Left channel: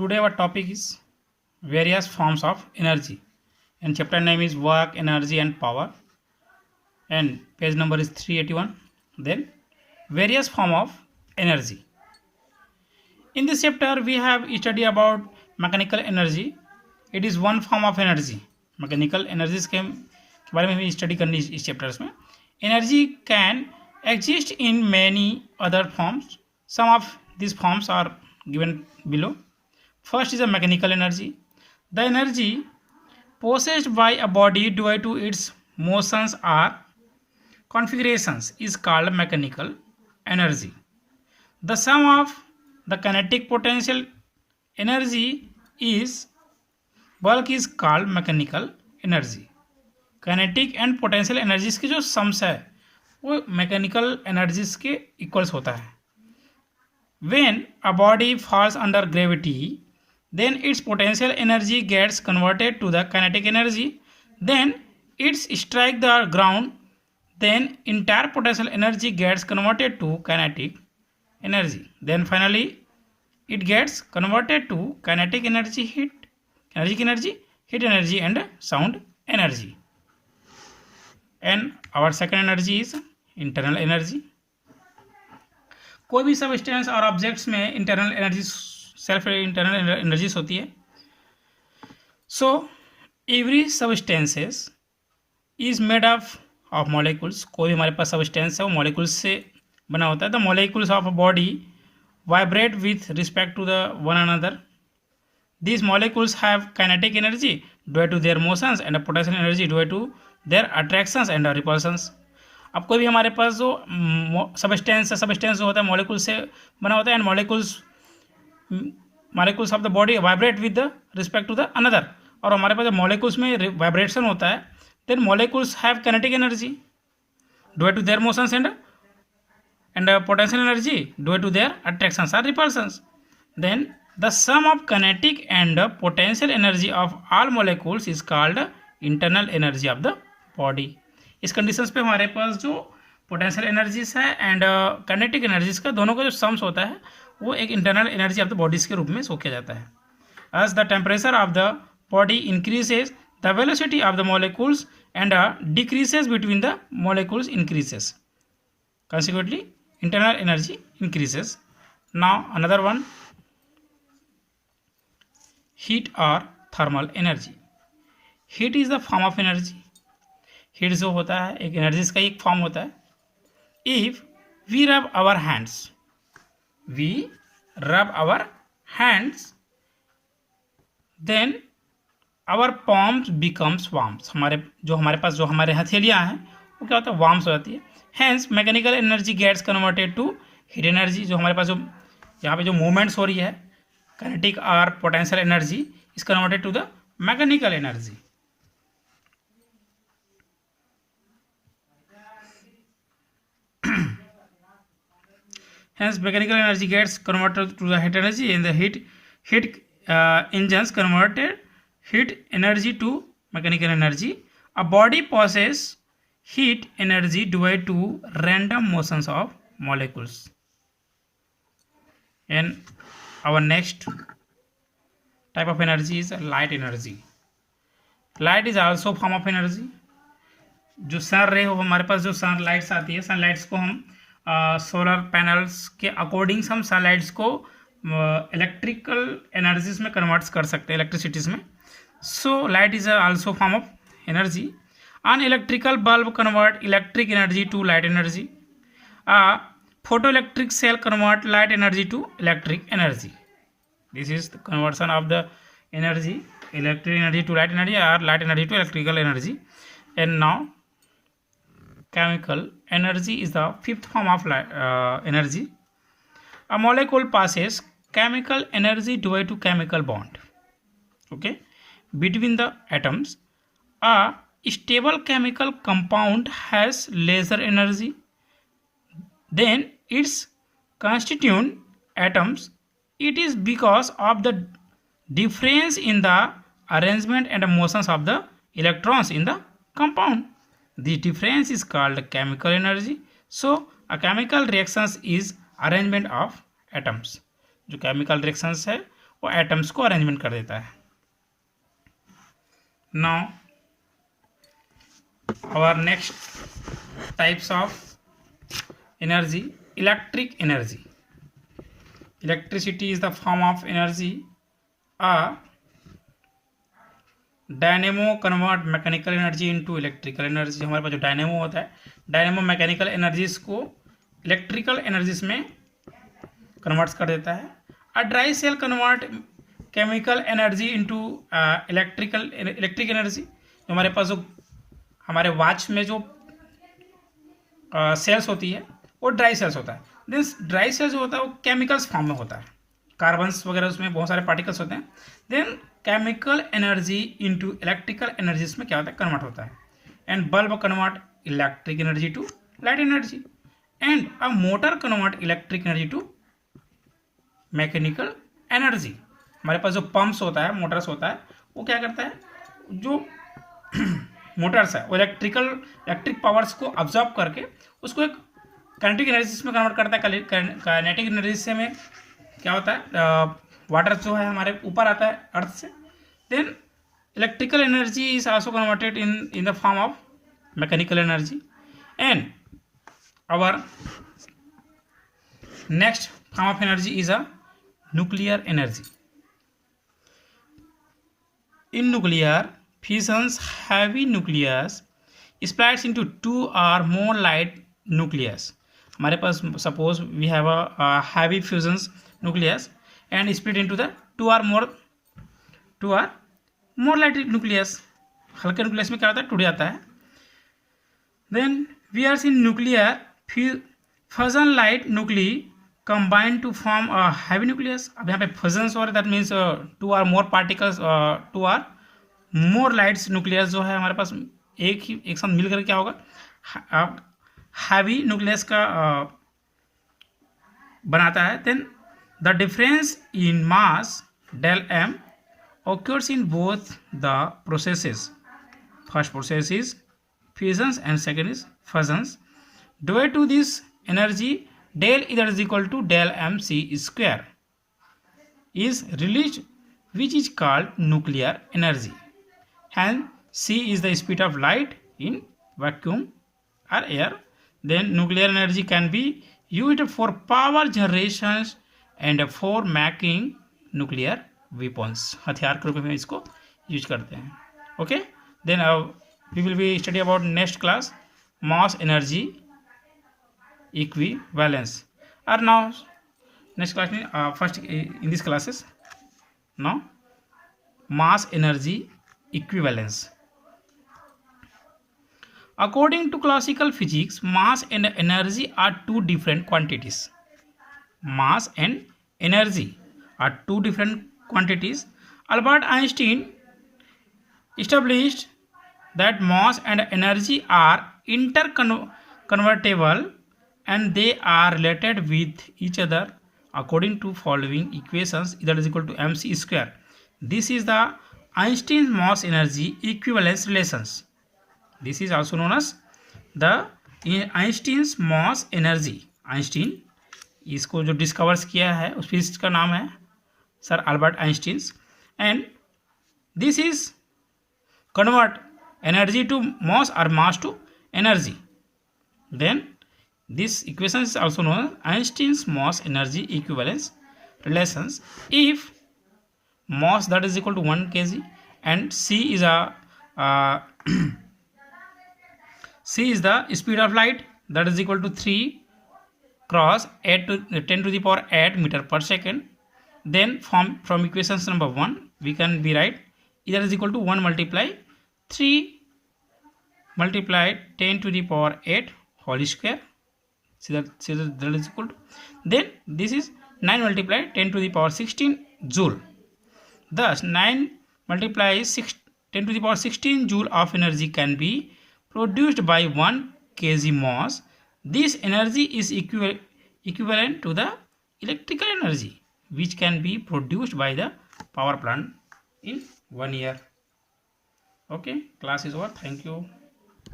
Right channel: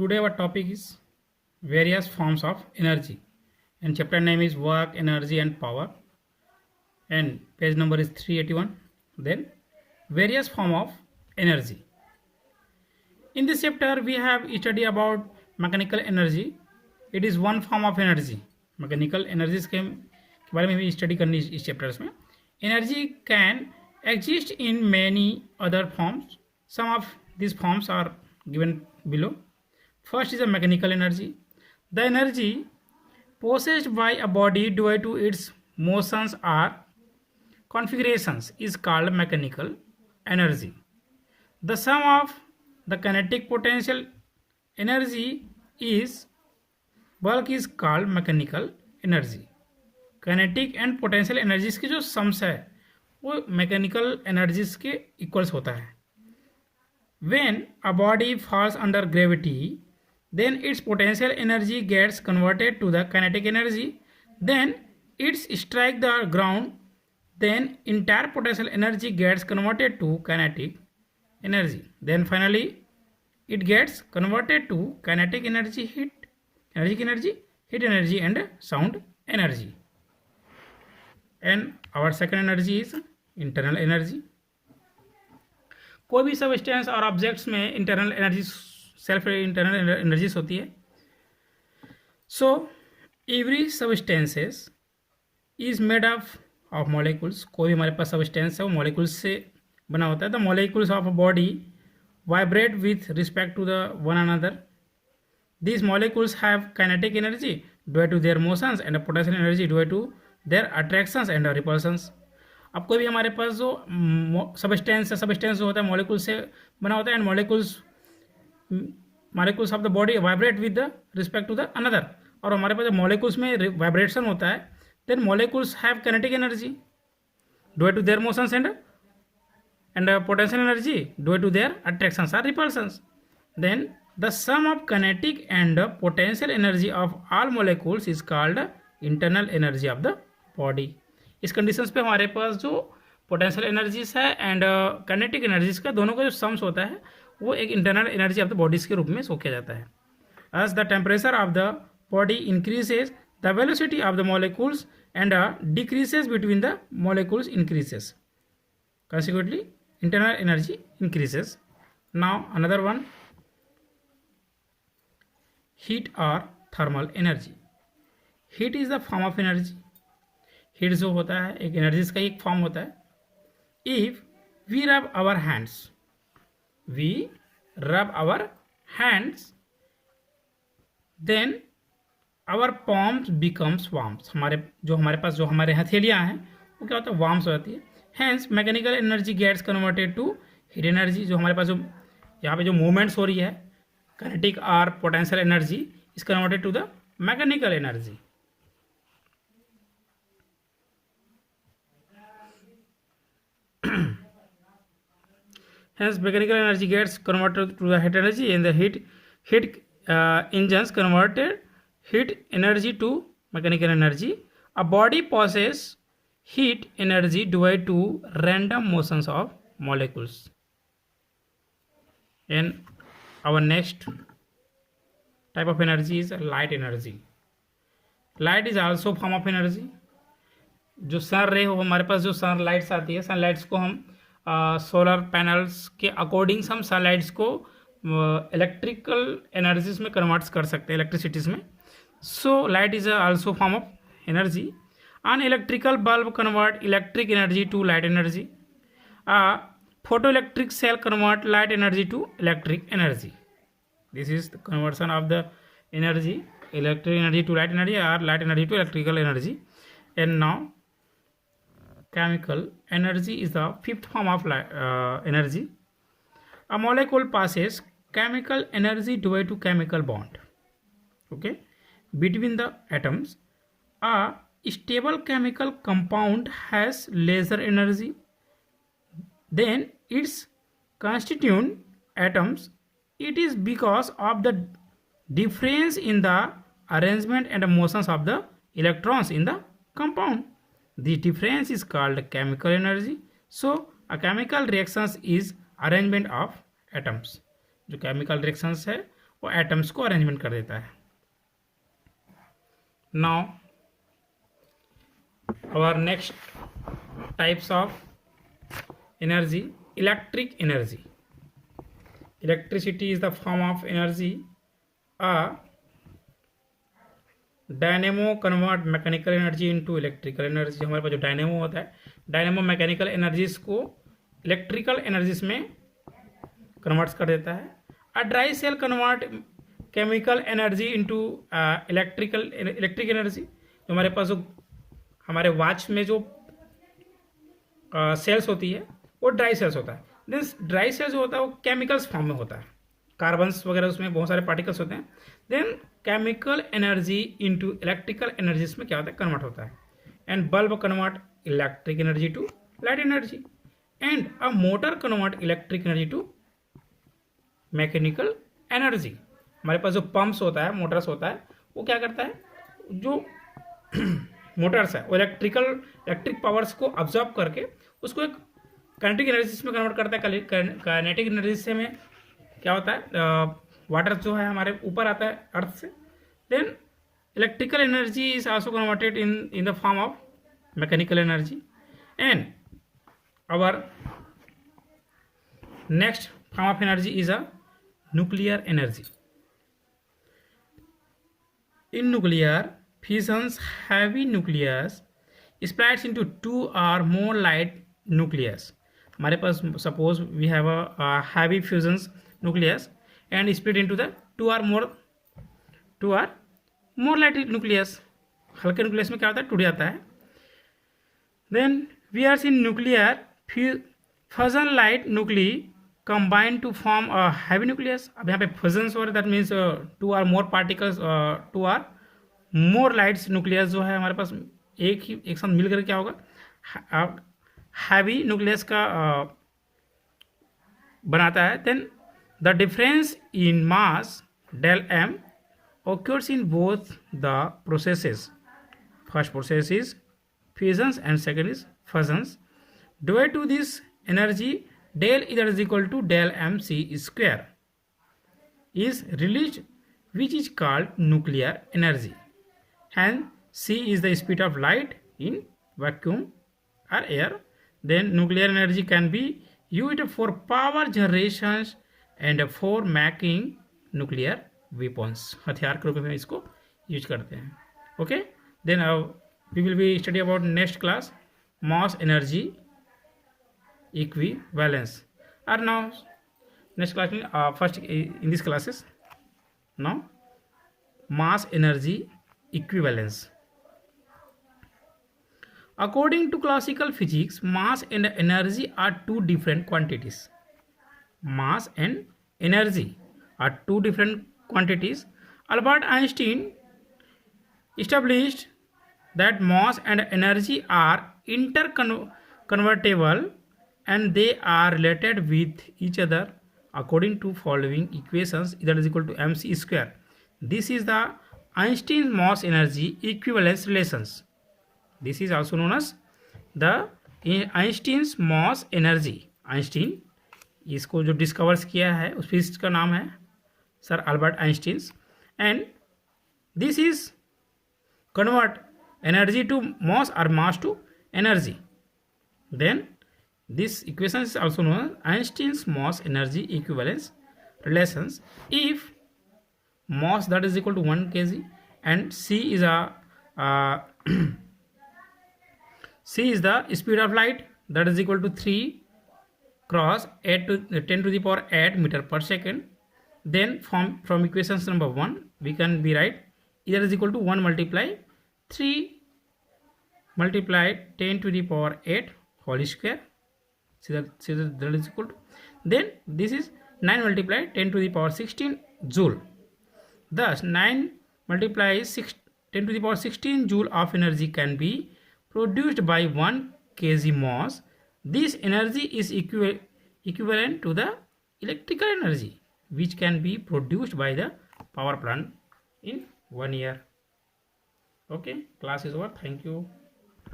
Today our topic is various forms of energy, and chapter name is work, energy and power, and page number is 381. Then various form of energy. In this chapter we have study about mechanical energy. It is one form of energy. Mechanical energies के बारे में भी study करनी इस chapters में. Energy can exist in many other forms. Some of these forms are given below. First is a mechanical energy. The energy possessed by a body due to its motions or configurations is called mechanical energy. The sum of the kinetic potential energy is bulk is called mechanical energy. Kinetic and potential energies की जो sums है वो mechanical energies के equals होता है. When a body falls under gravity, then its potential energy gets converted to the kinetic energy. Then it strikes the ground. Then entire potential energy gets converted to kinetic energy. Then finally it gets converted to kinetic energy, heat energy and sound energy. And our second energy is internal energy. कोई भी substance और objects में internal energy self internal energies होती है. So every substances is made of molecules. कोई भी हमारे पास substance है वो मॉलिक्यूल्स से बना होता है. The molecules of a body vibrate with respect to the one another. These molecules have kinetic energy due to their motions and potential energy due to their attractions and repulsions. अब कोई भी हमारे पास जो सबस्टेंस जो होता है molecule से बना होता है. And molecules of the body vibrate with the respect to the another. और हमारे पास जब मॉलिक्यूल्स में वाइब्रेशन होता है then molecules have kinetic energy due to their motions and potential energy due to their attractions or repulsions. Then the sum of kinetic and potential energy of all molecules is called internal energy of the body. इस conditions पे हमारे पास जो potential energies है and kinetic energies का दोनों का जो सम्स होता है वो एक internal energy of the bodies के रूप में शो किया जाता है. As the temperature of the body increases the velocity of the molecules and decreases between the molecules increases. consequently internal energy increases. Now another one, heat or thermal energy. Heat is the form of energy. Heat जो होता है एक energies का एक form होता है. If we rub our hands then our palms becomes warms. हमारे हथेलियाँ हैं वो क्या होता है वार्म्स हो जाती है. Hence mechanical energy gets converted to heat energy. जो हमारे पास जो यहाँ पे जो मूवमेंट्स हो रही है काइनेटिक और potential energy is converted to the mechanical energy. Hence mechanical energy gets converted to the heat energy. In the heat engines converted heat energy to mechanical energy. A body possesses heat energy due to random motions of molecules. And our next type of energy is light energy. Light is also form of energy. जो सन रे हो हमारे पास जो sunlights आती है sunlights को हम सोलर पैनल्स के अकॉर्डिंग हम सनलाइट्स को इलेक्ट्रिकल एनर्जीज में कन्वर्ट्स कर सकते हैं इलेक्ट्रिसिटीज़ में. So light is also form of energy. An electrical bulb convert electric energy to light energy. Photo electric cell convert light energy to electric energy. This is the conversion of the energy electric energy to light energy और light energy to electrical energy. And now chemical energy is the fifth form of energy. A molecule passes chemical energy due to chemical bond between the atoms. A stable chemical compound has lesser energy than its constituent atoms. It is because of the difference in the arrangement and motions of the electrons in the compound. The difference is called chemical energy. So a chemical reactions is arrangement of atoms. जो chemical reactions है वो atoms को arrangement कर देता है। Now our next types of energy, electric energy. Electricity is the form of energy. A dynamo convert mechanical energy into electrical energy. हमारे पास जो डायनेमो होता है, डायनेमो मैकेनिकल एनर्जीज को इलेक्ट्रिकल एनर्जीज में कन्वर्ट्स कर देता है। A dry cell convert chemical energy into electric energy. जो हमारे पास जो हमारे वॉच में जो सेल्स होती है वो ड्राई सेल्स होता है। देन ड्राई सेल्स जो होता है वो केमिकल्स फॉर्म में होता है, कार्बन्स वगैरह उसमें बहुत सारे पार्टिकल्स होते हैं। Then chemical energy into electrical energies में क्या होता है, कन्वर्ट होता है। And bulb convert electric energy to light energy and a motor convert electric energy to mechanical energy. हमारे पास जो पंप्स होता है, मोटर्स होता है, वो क्या करता है, जो मोटर्स है वो इलेक्ट्रिक पावर्स को ऑब्जॉर्व करके उसको एक काइनेटिक एनर्जी में कन्वर्ट करता है। काइनेटिक एनर्जी से में क्या होता है, वाटर जो है हमारे ऊपर आता है अर्थ से। Then electrical energy is also converted in the form of mechanical energy. And our next form of energy is a nuclear energy. In nuclear fissions, heavy nucleus splits into two or more light nucleus. हमारे पास suppose we have a heavy fusions nucleus and split into the two or more light nucleus. हल्के nucleus में क्या होता है, टूट जाता है। Then we are seeing nuclear fusion light nuclei combine to form a heavy nucleus. अब यहाँ पे fusions हो रहा है, that means two or more particles, two or more lights nucleus जो है हमारे पास एक साथ मिलकर क्या होगा, हैवी न्यूक्लियस का बनाता है। Then the difference in mass del M occurs in both the processes. First process is fusions and second is fusions. Due to this energy del either is equal to del mc square is released, which is called nuclear energy. Hence c is the speed of light in vacuum or air. Then nuclear energy can be used for power generations and for making nuclear weapons. हथियार के रूप में इसको use करते हैं। Okay, then we will be study about next class mass energy equivalence. Or now next class में first in this classes now mass energy equivalence. According to classical physics, mass and energy are two different quantities. Mass and energy are two different quantities. Albert Einstein established that mass and energy are interconvertible and they are related with each other according to following equations, that is equal to mc square. This is the Einstein's mass energy equivalence relations. This is also known as the Einstein's mass energy. Einstein इसको जो discovers किया है उस physicist का नाम है sir Albert Einstein. And this is convert energy to mass और mass to energy. Then this equation is also known as Einstein's mass energy equivalence relations. If mass that is equal to 1 kg and c is the speed of light that is equal to 3 cross 8 to 10 to the power 8 meter per second, then from equations number 1 we can be write either is equal to 1 multiply 3 multiply 10 to the power 8 whole square. See that is equal to, then this is 9 multiply 10 to the power 16 joule. Thus 9 multiply 10 to the power 16 joule of energy can be produced by 1 kg mass. This energy is equivalent to the electrical energy which can be produced by the power plant in 1 year. Okay, class is over. Thank you.